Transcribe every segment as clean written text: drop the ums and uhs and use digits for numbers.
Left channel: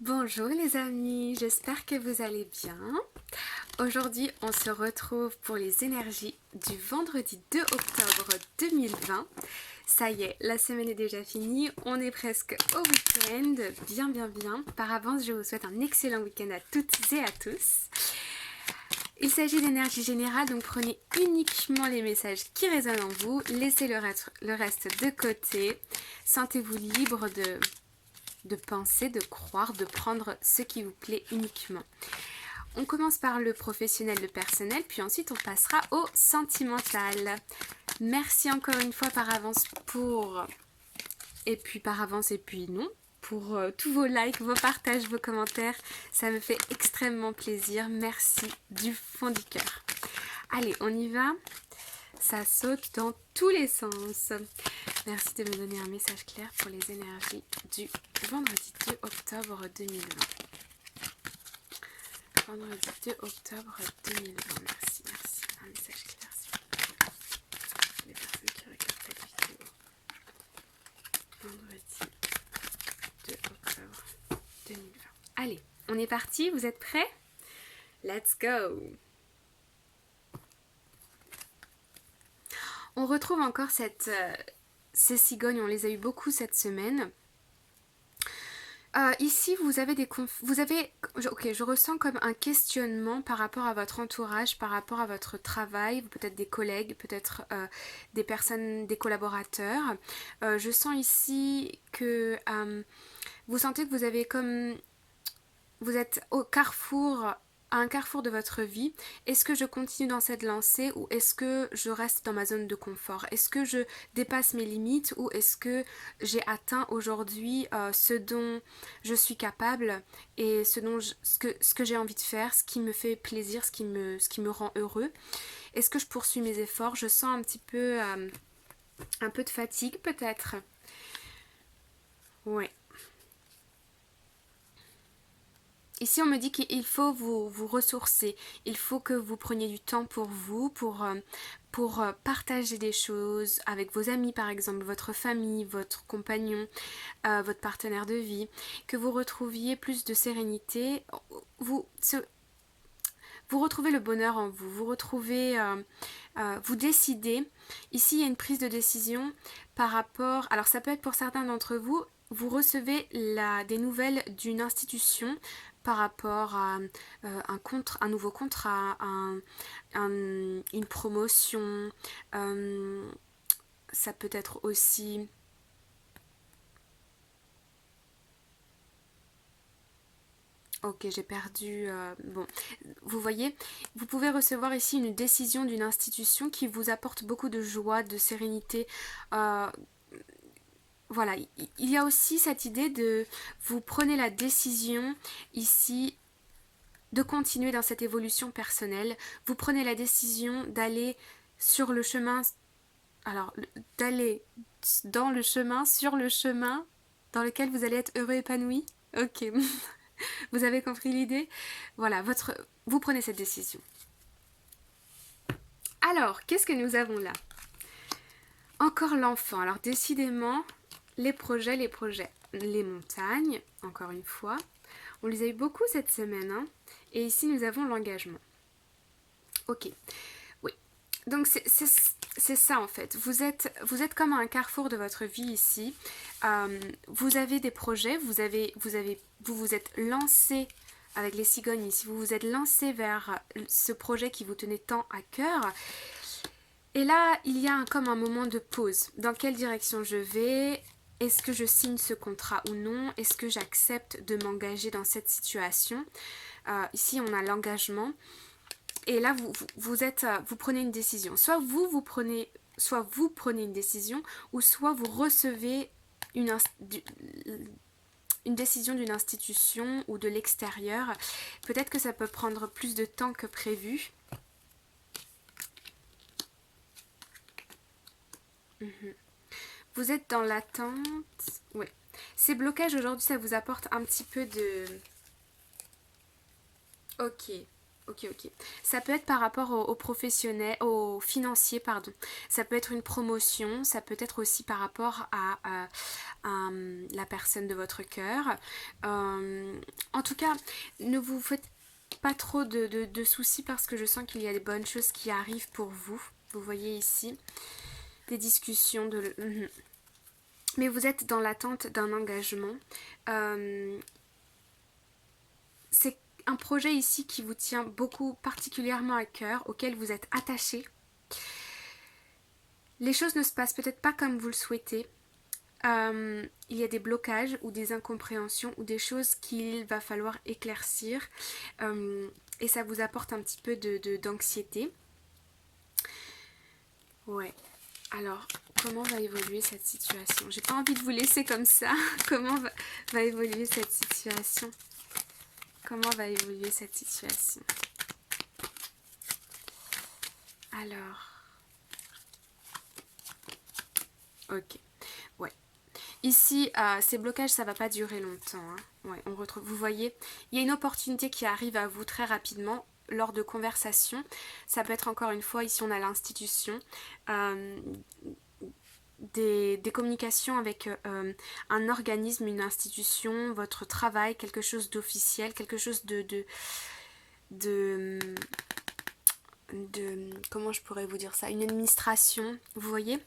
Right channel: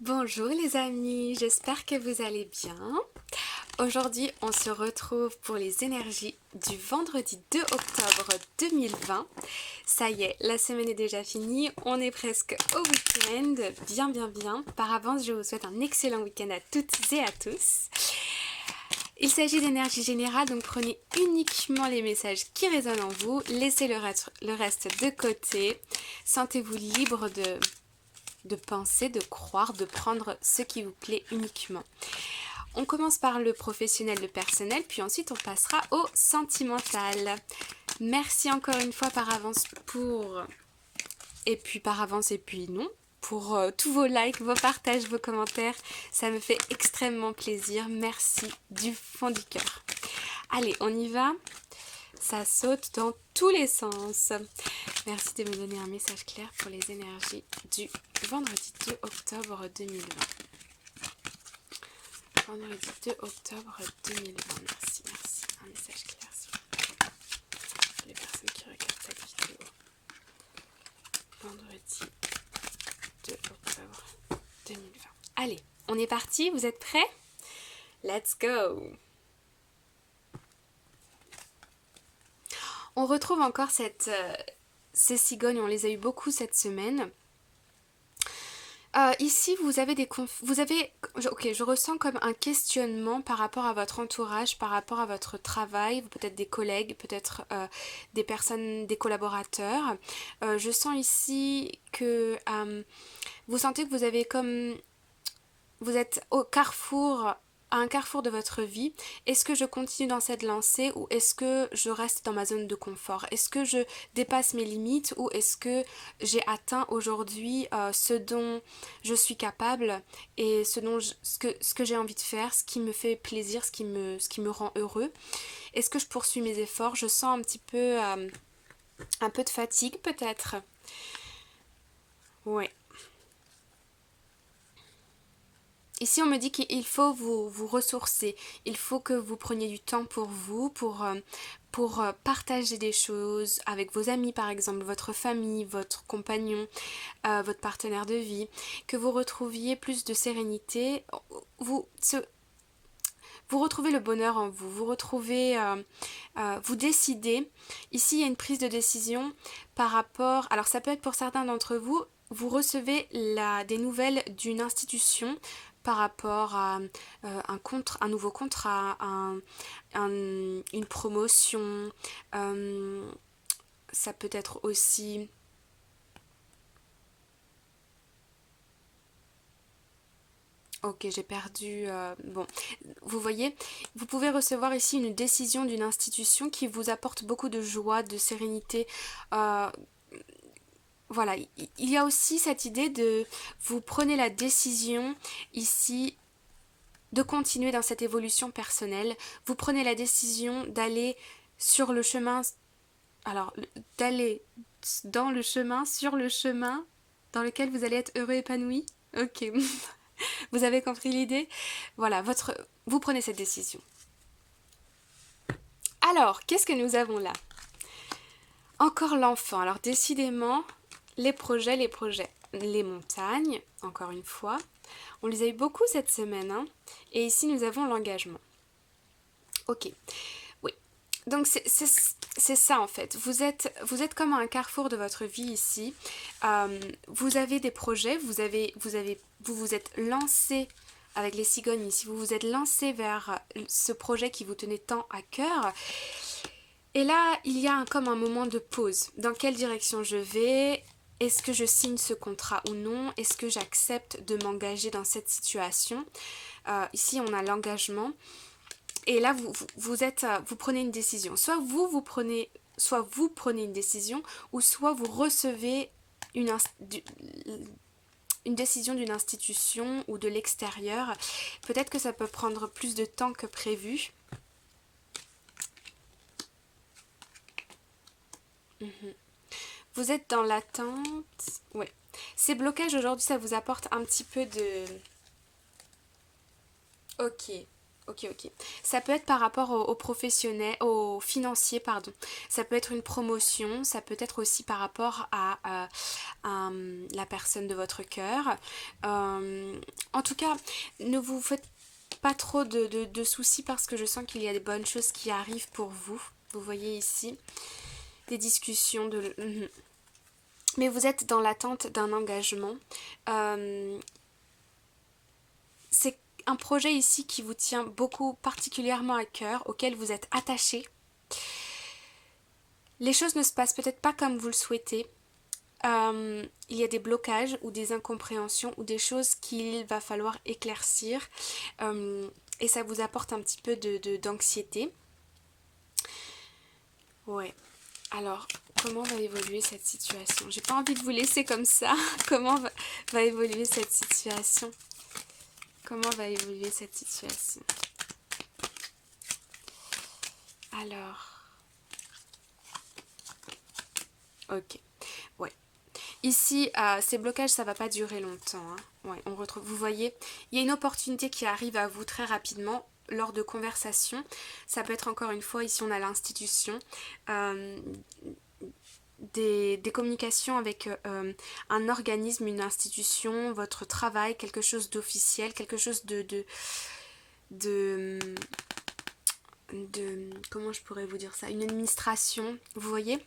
Bonjour les amis, j'espère que vous allez bien. Aujourd'hui, on se retrouve pour les énergies du vendredi 2 octobre 2020. Ça y est, la semaine est déjà finie, on est presque au week-end, bien. Par avance, je vous souhaite un excellent week-end à toutes et à tous. Il s'agit d'énergie générale, donc prenez uniquement les messages qui résonnent en vous, laissez le reste de côté, sentez-vous libre de penser, de croire, de prendre ce qui vous plaît uniquement. On commence par le professionnel, le personnel, puis ensuite on passera au sentimental. Merci encore une fois par avance pour tous vos likes, vos partages, vos commentaires. Ça me fait extrêmement plaisir. Merci du fond du cœur. Allez, on y va. Ça saute dans tous les sens. Merci de me donner un message clair pour les énergies du vendredi 2 octobre 2020. Vendredi 2 octobre 2020. Merci. Un message clair, s'il vous plaît. Les personnes qui regardent cette vidéo. Vendredi 2 octobre 2020. Allez, on est parti. Vous êtes prêts? Let's go! On retrouve encore ces cigognes, on les a eu beaucoup cette semaine. Ici, je ressens comme un questionnement par rapport à votre entourage, par rapport à votre travail, peut-être des collègues, peut-être des personnes, des collaborateurs. Je sens ici que vous sentez que vous êtes à un carrefour de votre vie. Est-ce que je continue dans cette lancée ou est-ce que je reste dans ma zone de confort? Est-ce que je dépasse mes limites ou est-ce que j'ai atteint aujourd'hui ce dont je suis capable et ce que j'ai envie de faire, ce qui me fait plaisir, ce qui me rend heureux? Est-ce que je poursuis mes efforts? Je sens un peu de fatigue peut-être. Ouais. Ici, on me dit qu'il faut vous ressourcer, il faut que vous preniez du temps pour vous, pour partager des choses avec vos amis par exemple, votre famille, votre compagnon, votre partenaire de vie, que vous retrouviez plus de sérénité, vous retrouvez le bonheur en vous, vous décidez. Ici, il y a une prise de décision par rapport, alors ça peut être pour certains d'entre vous, vous recevez des nouvelles d'une institution par rapport à un nouveau contrat, une promotion. Ça peut être aussi... Ok, j'ai perdu... Bon, vous voyez, vous pouvez recevoir ici une décision d'une institution qui vous apporte beaucoup de joie, de sérénité. Voilà, il y a aussi cette idée de vous prenez la décision ici de continuer dans cette évolution personnelle. Vous prenez la décision d'aller sur le chemin, d'aller sur le chemin dans lequel vous allez être heureux, épanoui. Ok, vous avez compris l'idée? Voilà, vous prenez cette décision. Alors, qu'est-ce que nous avons là? Encore l'enfant. Alors, décidément, les projets, les montagnes, encore une fois. On les a eu beaucoup cette semaine, hein. Et ici, nous avons l'engagement. Ok, oui. Donc, c'est ça, en fait. Vous êtes comme à un carrefour de votre vie ici. Vous avez des projets, vous vous êtes lancé avec les cigognes ici. Vous vous êtes lancé vers ce projet qui vous tenait tant à cœur. Et là, il y a comme un moment de pause. Dans quelle direction je vais? Est-ce que je signe ce contrat ou non? Est-ce que j'accepte de m'engager dans cette situation? Ici, on a l'engagement. Et là, vous prenez une décision. Soit vous prenez une décision, ou soit vous recevez une décision d'une institution ou de l'extérieur. Peut-être que ça peut prendre plus de temps que prévu. Vous êtes dans l'attente. Oui. Ces blocages aujourd'hui, ça vous apporte un petit peu de... Ok. Ok. Ça peut être par rapport aux professionnels, aux financiers, pardon. Ça peut être une promotion, ça peut être aussi par rapport à la personne de votre cœur. En tout cas, ne vous faites pas trop de soucis parce que je sens qu'il y a des bonnes choses qui arrivent pour vous. Vous voyez ici des discussions de... Mais vous êtes dans l'attente d'un engagement. C'est un projet ici qui vous tient beaucoup particulièrement à cœur, auquel vous êtes attaché. Les choses ne se passent peut-être pas comme vous le souhaitez. Il y a des blocages ou des incompréhensions ou des choses qu'il va falloir éclaircir. Et ça vous apporte un petit peu d'anxiété. Ouais. Alors, comment va évoluer cette situation? J'ai pas envie de vous laisser comme ça. Comment va évoluer cette situation? Comment va évoluer cette situation? Alors... Ok. Ouais. Ici, ces blocages, ça va pas durer longtemps. Hein. Ouais, on retrouve. Vous voyez, il y a une opportunité qui arrive à vous très rapidement lors de conversations. Ça peut être encore une fois, ici on a l'institution, des communications avec un organisme, une institution, votre travail, quelque chose d'officiel, quelque chose de comment je pourrais vous dire ça, une administration, vous voyez?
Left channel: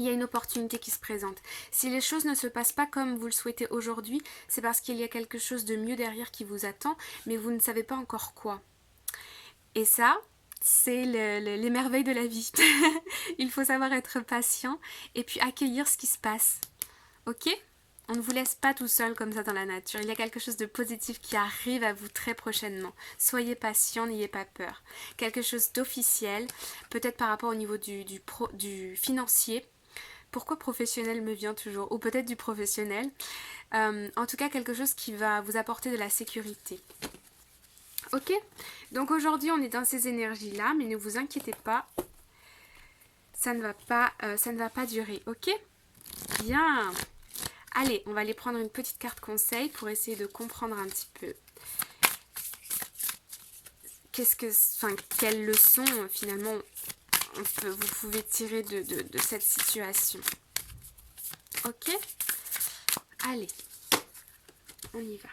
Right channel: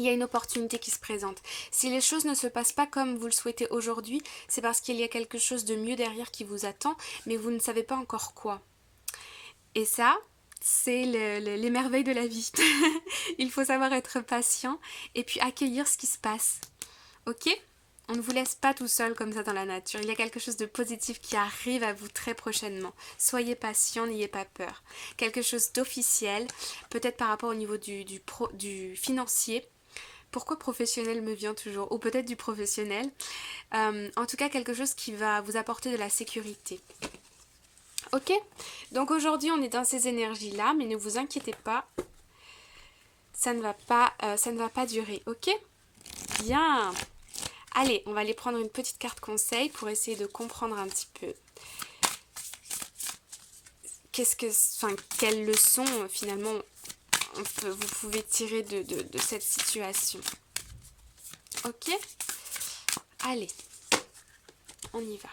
Il y a une opportunité qui se présente. Si les choses ne se passent pas comme vous le souhaitez aujourd'hui, c'est parce qu'il y a quelque chose de mieux derrière qui vous attend, mais vous ne savez pas encore quoi. Et ça, c'est les merveilles de la vie. Il faut savoir être patient et puis accueillir ce qui se passe. Ok ? On ne vous laisse pas tout seul comme ça dans la nature. Il y a quelque chose de positif qui arrive à vous très prochainement. Soyez patient, n'ayez pas peur. Quelque chose d'officiel, peut-être par rapport au niveau du financier. Pourquoi professionnel me vient toujours? Ou peut-être du professionnel. En tout cas, quelque chose qui va vous apporter de la sécurité. Ok? Donc aujourd'hui, on est dans ces énergies-là, mais ne vous inquiétez pas. Ça ne va pas durer. Ok? Bien. Allez, on va aller prendre une petite carte conseil pour essayer de comprendre un petit peu quelle leçon finalement vous pouvez tirer de cette situation. Ok? Allez, on y va.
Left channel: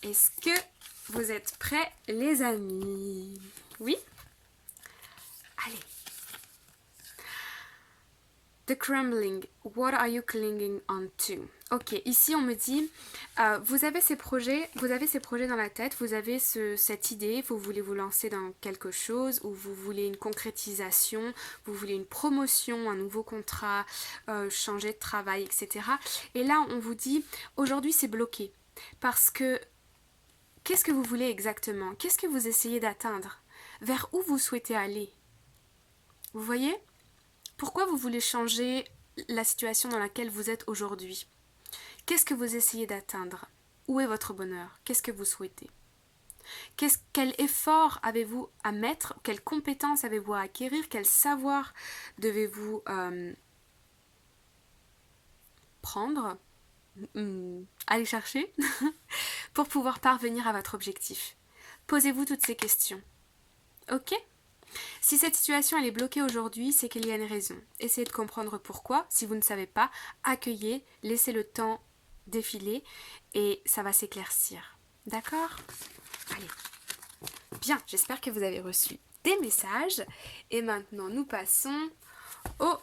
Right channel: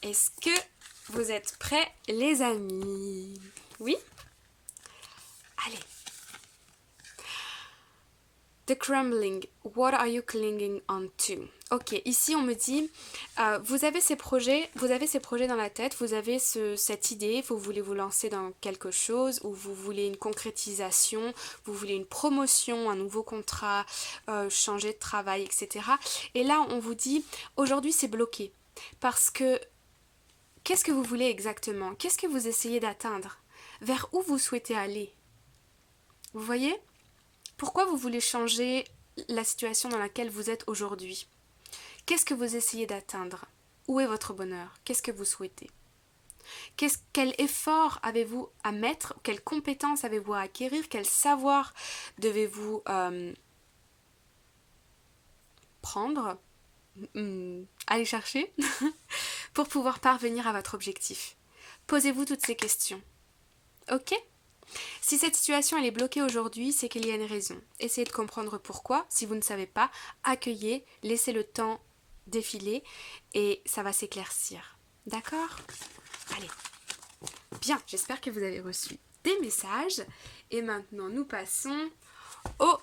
Est-ce que vous êtes prêts, les amis? Oui? Allez. The crumbling, what are you clinging on to? Ok, ici on me dit, vous avez ces projets dans la tête, vous avez cette idée, vous voulez vous lancer dans quelque chose, ou vous voulez une concrétisation, vous voulez une promotion, un nouveau contrat, changer de travail, etc. Et là on vous dit, aujourd'hui c'est bloqué, parce que qu'est-ce que vous voulez exactement? Qu'est-ce que vous essayez d'atteindre? Vers où vous souhaitez aller? Vous voyez? Pourquoi vous voulez changer la situation dans laquelle vous êtes aujourd'hui? Qu'est-ce que vous essayez d'atteindre? Où est votre bonheur? Qu'est-ce que vous souhaitez? Quel effort avez-vous à mettre? Quelles compétences avez-vous à acquérir? Quel savoir devez-vous prendre? Aller chercher pour pouvoir parvenir à votre objectif? Posez-vous toutes ces questions. Ok? Si cette situation elle est bloquée aujourd'hui, c'est qu'il y a une raison. Essayez de comprendre pourquoi. Si vous ne savez pas, accueillez, laissez le temps défiler et ça va s'éclaircir. D'accord? Allez. Bien, j'espère que vous avez reçu des messages. Et maintenant, nous passons au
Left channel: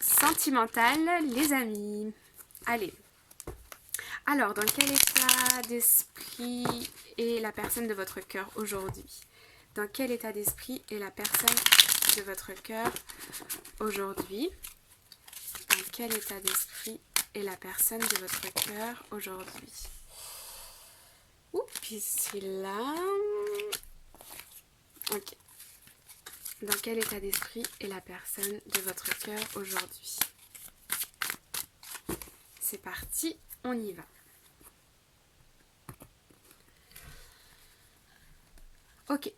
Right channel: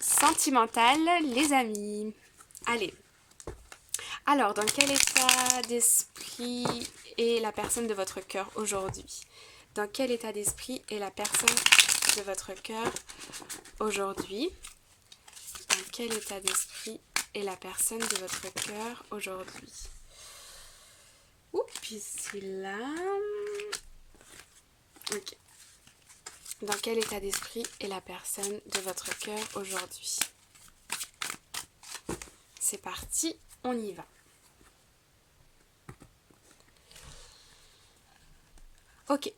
sentimental, les amis. Allez. Alors, dans quel état d'esprit est la personne de votre cœur aujourd'hui? Dans quel état d'esprit est la personne de votre cœur aujourd'hui? Dans quel état d'esprit est la personne de votre cœur aujourd'hui? Oups, ici là. Ok. Dans quel état d'esprit est la personne de votre cœur aujourd'hui? C'est parti, on y va. Ok.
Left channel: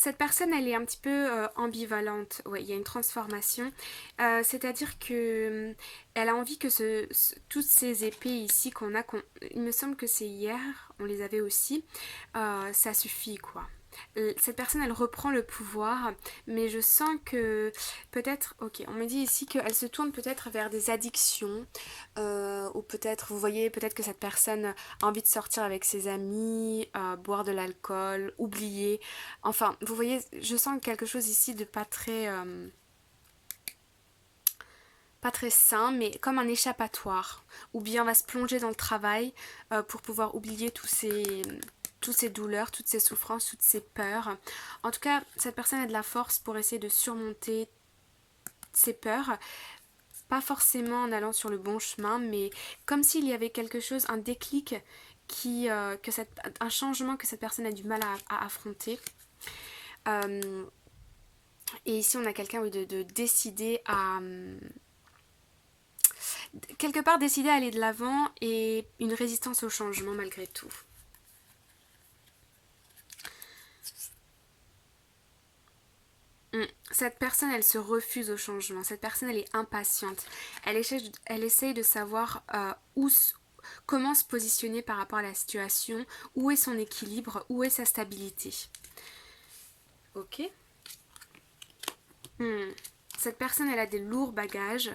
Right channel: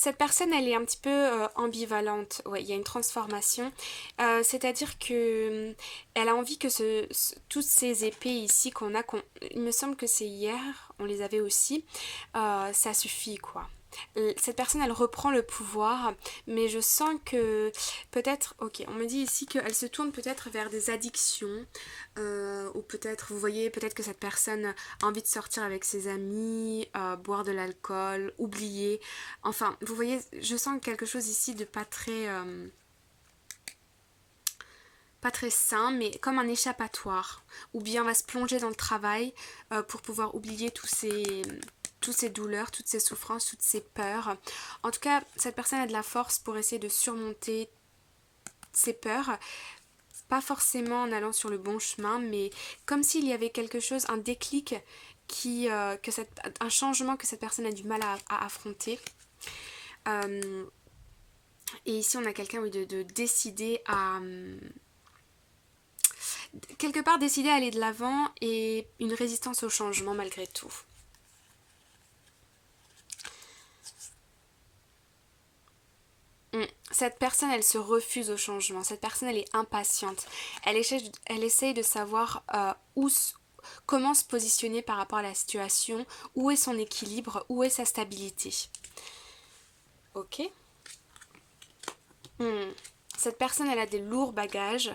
Cette personne, elle est un petit peu ambivalente. Ouais, il y a une transformation. C'est-à-dire que elle a envie que toutes ces épées ici il me semble que c'est hier, on les avait aussi, ça suffit quoi. Cette personne, elle reprend le pouvoir, mais je sens que peut-être, ok, on me dit ici qu'elle se tourne peut-être vers des addictions, ou peut-être, vous voyez, peut-être que cette personne a envie de sortir avec ses amis, boire de l'alcool, oublier. Enfin, vous voyez, je sens quelque chose ici de pas très sain, mais comme un échappatoire. Ou bien on va se plonger dans le travail pour pouvoir oublier toutes ces douleurs, toutes ces souffrances, toutes ces peurs. En tout cas, cette personne a de la force pour essayer de surmonter ses peurs. Pas forcément en allant sur le bon chemin, mais comme s'il y avait quelque chose, un déclic, un changement que cette personne a du mal à affronter. Et ici, on a quelqu'un oui, de décider à... quelque part décider à aller de l'avant et une résistance au changement malgré tout. Cette personne, elle se refuse au changement. Cette personne, elle est impatiente. Elle essaye de savoir comment se positionner par rapport à la situation, où est son équilibre, où est sa stabilité. Ok. Cette personne, elle a des lourds bagages.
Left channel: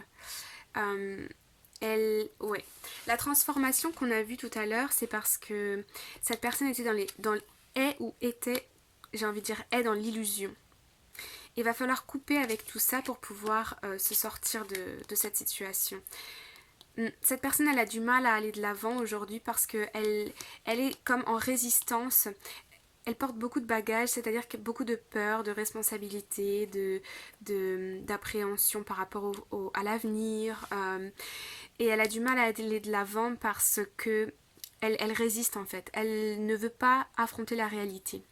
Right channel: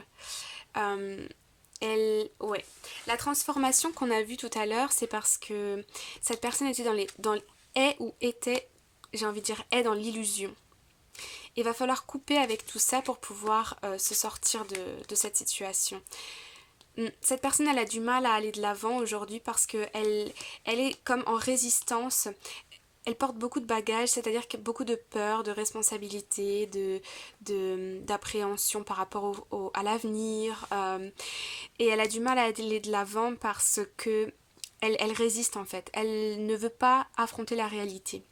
Ouais. La transformation qu'on a vue tout à l'heure, c'est parce que cette personne était j'ai envie de dire, est dans l'illusion. Il va falloir couper avec tout ça pour pouvoir se sortir de cette situation. Cette personne, elle a du mal à aller de l'avant aujourd'hui parce qu'elle est comme en résistance. Elle porte beaucoup de bagages, c'est-à-dire qu'il y a beaucoup de peur, de responsabilité, d'appréhension par rapport à l'avenir. Et elle a du mal à aller de l'avant parce que elle résiste en fait. Elle ne veut pas affronter la réalité.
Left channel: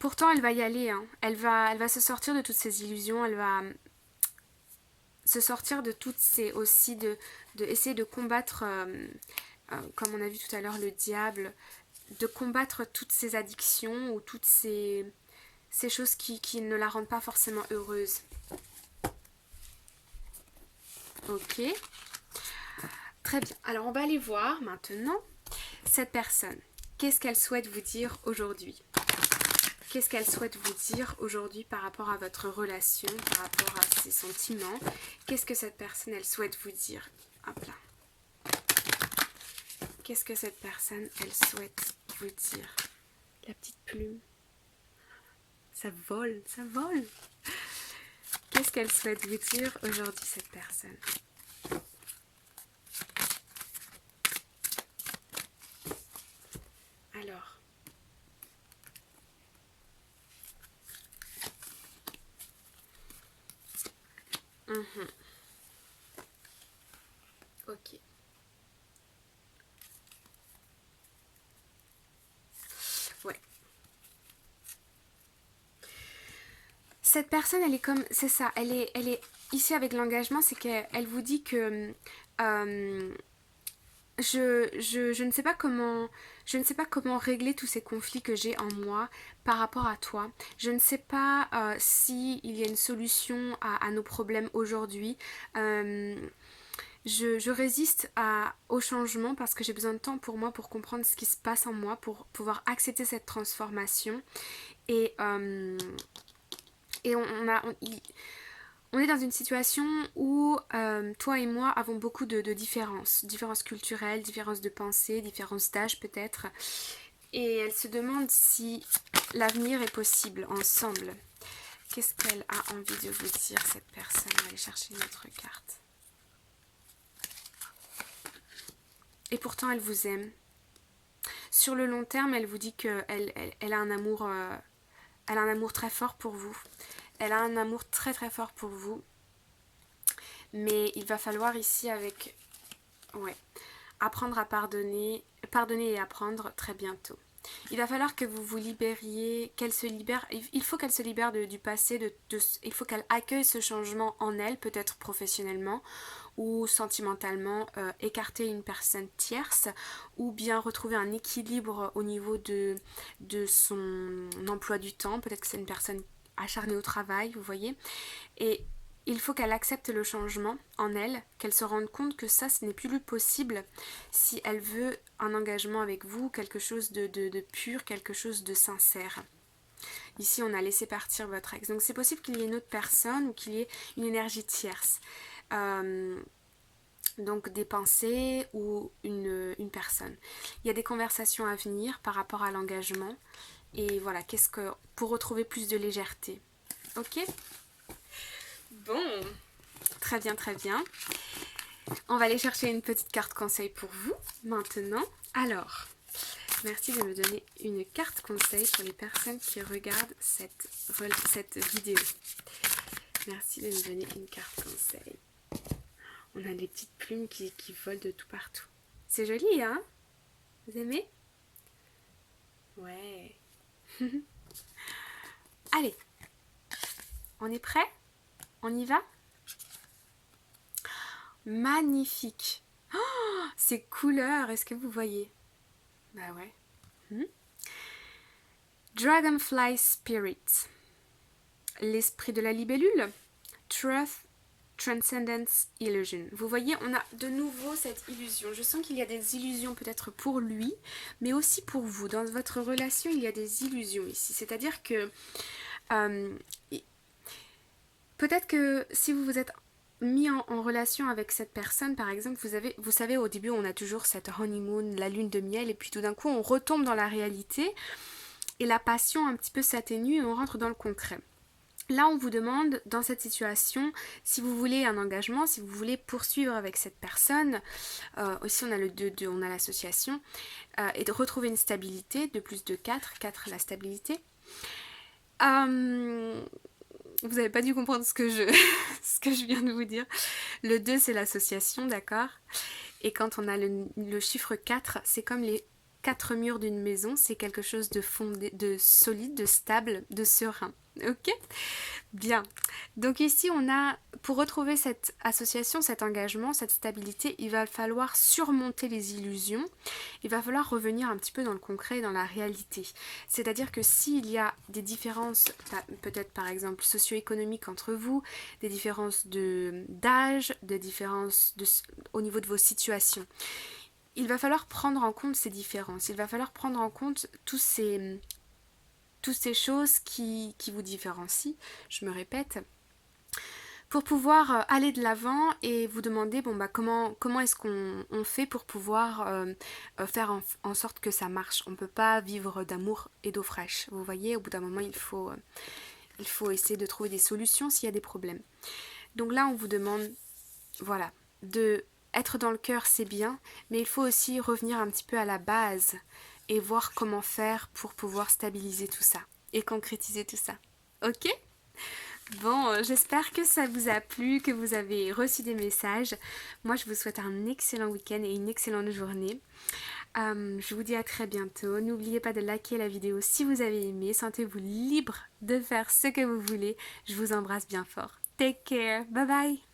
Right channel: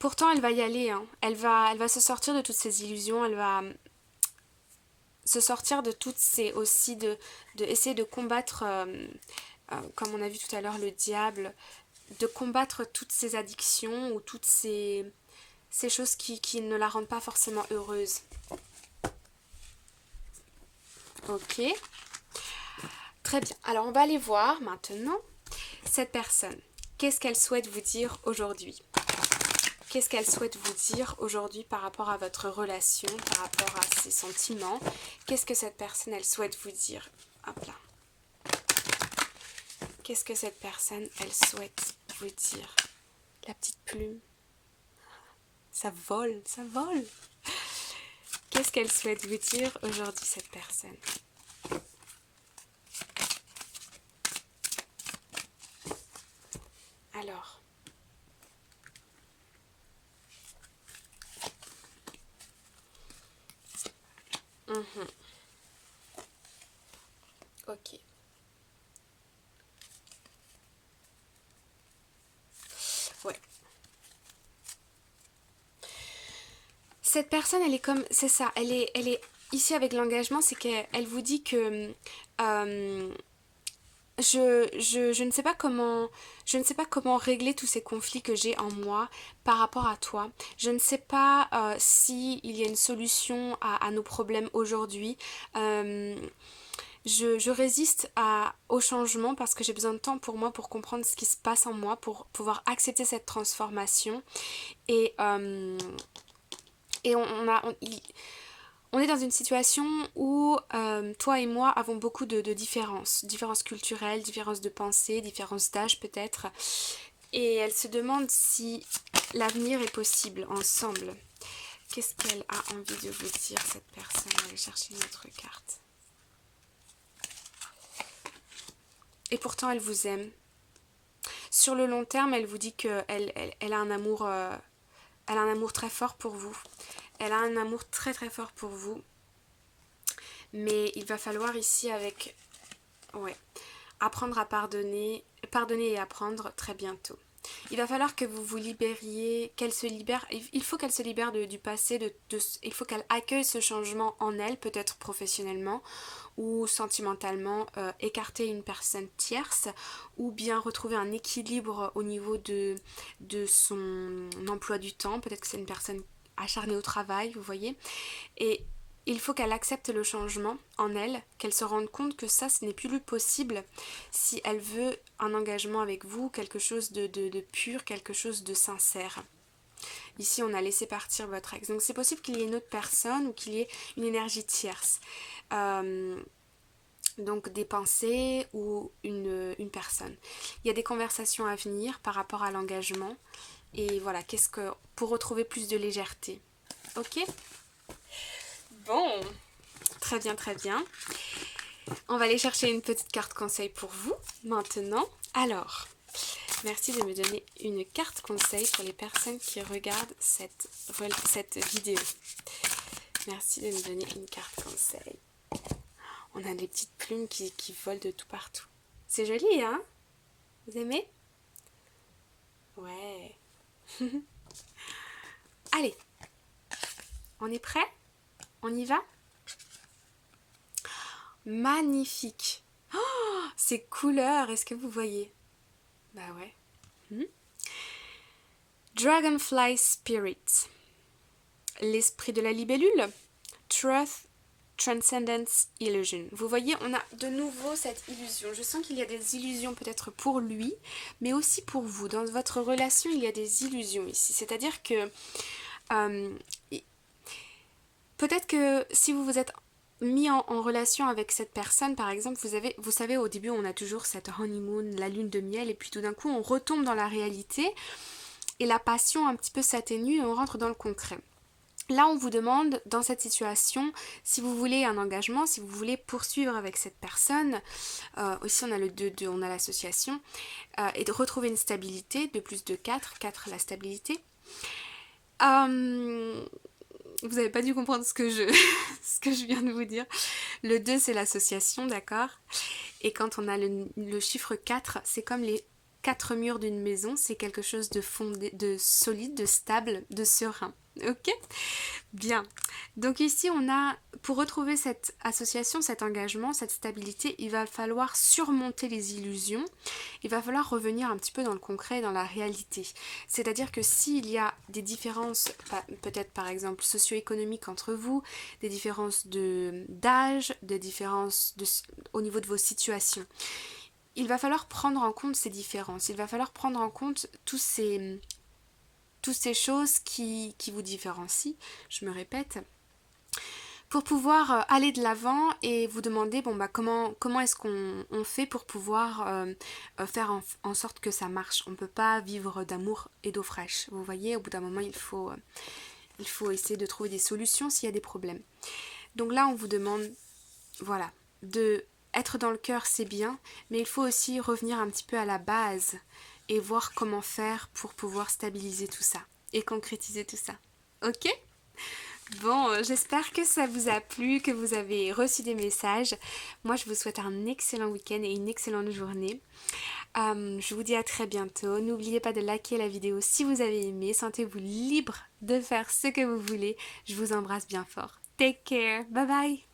Pourtant, elle va y aller. Hein. Elle va se sortir de toutes ces illusions. Elle va se sortir de toutes ces aussi essayer de combattre, comme on a vu tout à l'heure, le diable, de combattre toutes ces addictions ou toutes ces choses qui ne la rendent pas forcément heureuse. Ok. Très bien. Alors, on va aller voir maintenant cette personne. Qu'est-ce qu'elle souhaite vous dire aujourd'hui ? Qu'est-ce qu'elle souhaite vous dire aujourd'hui par rapport à votre relation, par rapport à ses sentiments? Qu'est-ce que cette personne, elle souhaite vous dire? Hop là. Qu'est-ce que cette personne, elle souhaite vous dire? La petite plume. Ça vole, ça vole. Qu'est-ce qu'elle souhaite vous dire aujourd'hui, cette personne? Alors. Ok. Ouais. Cette personne, elle est comme... C'est ça, elle est ici avec l'engagement, c'est qu'elle vous dit que... je ne sais pas comment régler tous ces conflits que j'ai en moi par rapport à toi. Je ne sais pas s'il y a une solution à nos problèmes aujourd'hui. Je résiste au changement parce que j'ai besoin de temps pour moi, pour comprendre ce qui se passe en moi, pour pouvoir accepter cette transformation. Et on est dans une situation où toi et moi avons beaucoup de différences culturelles, différences de pensée, différences d'âge peut-être. Et elle se demande si l'avenir est possible ensemble. Qu'est-ce qu'elle a envie de vous dire, cette personne? On va aller chercher une autre carte. Et pourtant, elle vous aime. Sur le long terme, elle vous dit qu'elle a un amour... elle a un amour très fort pour vous. Elle a un amour très très fort pour vous. Mais il va falloir ici apprendre à pardonner et apprendre très bientôt. Il va falloir que vous vous libériez, qu'elle se libère, il faut qu'elle se libère du passé, il faut qu'elle accueille ce changement en elle, peut-être professionnellement ou sentimentalement, écarter une personne tierce ou bien retrouver un équilibre au niveau de son emploi du temps, peut-être que c'est une personne acharnée au travail, vous voyez, et il faut qu'elle accepte le changement en elle, qu'elle se rende compte que ça, ce n'est plus possible si elle veut un engagement avec vous, quelque chose de pur, quelque chose de sincère. Ici, on a laissé partir votre ex. Donc, c'est possible qu'il y ait une autre personne ou qu'il y ait une énergie tierce. Donc, des pensées ou une personne. Il y a des conversations à venir par rapport à l'engagement. Et voilà, pour retrouver plus de légèreté. Ok ? Bon, très bien, très bien. On va aller chercher une petite carte conseil pour vous maintenant. Alors, merci de me donner une carte conseil pour les personnes qui regardent cette vidéo. Merci de me donner une carte conseil. On a des petites plumes qui volent de tout partout. C'est joli, hein? Vous aimez? Ouais. Allez, on est prêt? On y va? Magnifique! Oh, ces couleurs, est-ce que vous voyez? Bah ouais. Dragonfly Spirit. L'esprit de la libellule. Truth, Transcendence, Illusion. Vous voyez, on a de nouveau cette illusion. Je sens qu'il y a des illusions peut-être pour lui, mais aussi pour vous. Dans votre relation, il y a des illusions ici. C'est-à-dire que peut-être que si vous vous êtes mis en relation avec cette personne, par exemple, vous savez, au début, on a toujours cette honeymoon, la lune de miel, et puis tout d'un coup, on retombe dans la réalité, et la passion un petit peu s'atténue, et on rentre dans le concret. Là, on vous demande, dans cette situation, si vous voulez un engagement, si vous voulez poursuivre avec cette personne, ici on a le 2, on a l'association, et de retrouver une stabilité, 2 plus 2, 4 la stabilité. Vous n'avez pas dû comprendre ce que je viens de vous dire. Le 2, c'est l'association, d'accord? Et quand on a le chiffre 4, c'est comme les 4 murs d'une maison, c'est quelque chose de fondé, de solide, de stable, de serein. Ok? Bien. Donc ici, on a, pour retrouver cette association, cet engagement, cette stabilité, il va falloir surmonter les illusions. Il va falloir revenir un petit peu dans le concret, dans la réalité. C'est-à-dire que s'il y a des différences, peut-être par exemple socio-économiques entre vous, des différences d'âge, des différences au niveau de vos situations, il va falloir prendre en compte ces différences. Il va falloir prendre en compte toutes ces choses qui vous différencient, je me répète, pour pouvoir aller de l'avant et vous demander comment est-ce qu'on fait pour pouvoir faire en sorte que ça marche. On ne peut pas vivre d'amour et d'eau fraîche. Vous voyez, au bout d'un moment, il faut essayer de trouver des solutions s'il y a des problèmes. Donc là, on vous demande, voilà, de être dans le cœur, c'est bien, mais il faut aussi revenir un petit peu à la base et voir comment faire pour pouvoir stabiliser tout ça et concrétiser tout ça. Ok ? Bon, j'espère que ça vous a plu, que vous avez reçu des messages. Moi, je vous souhaite un excellent week-end et une excellente journée. Je vous dis à très bientôt. N'oubliez pas de liker la vidéo si vous avez aimé. Sentez-vous libre de faire ce que vous voulez. Je vous embrasse bien fort. Take care. Bye bye.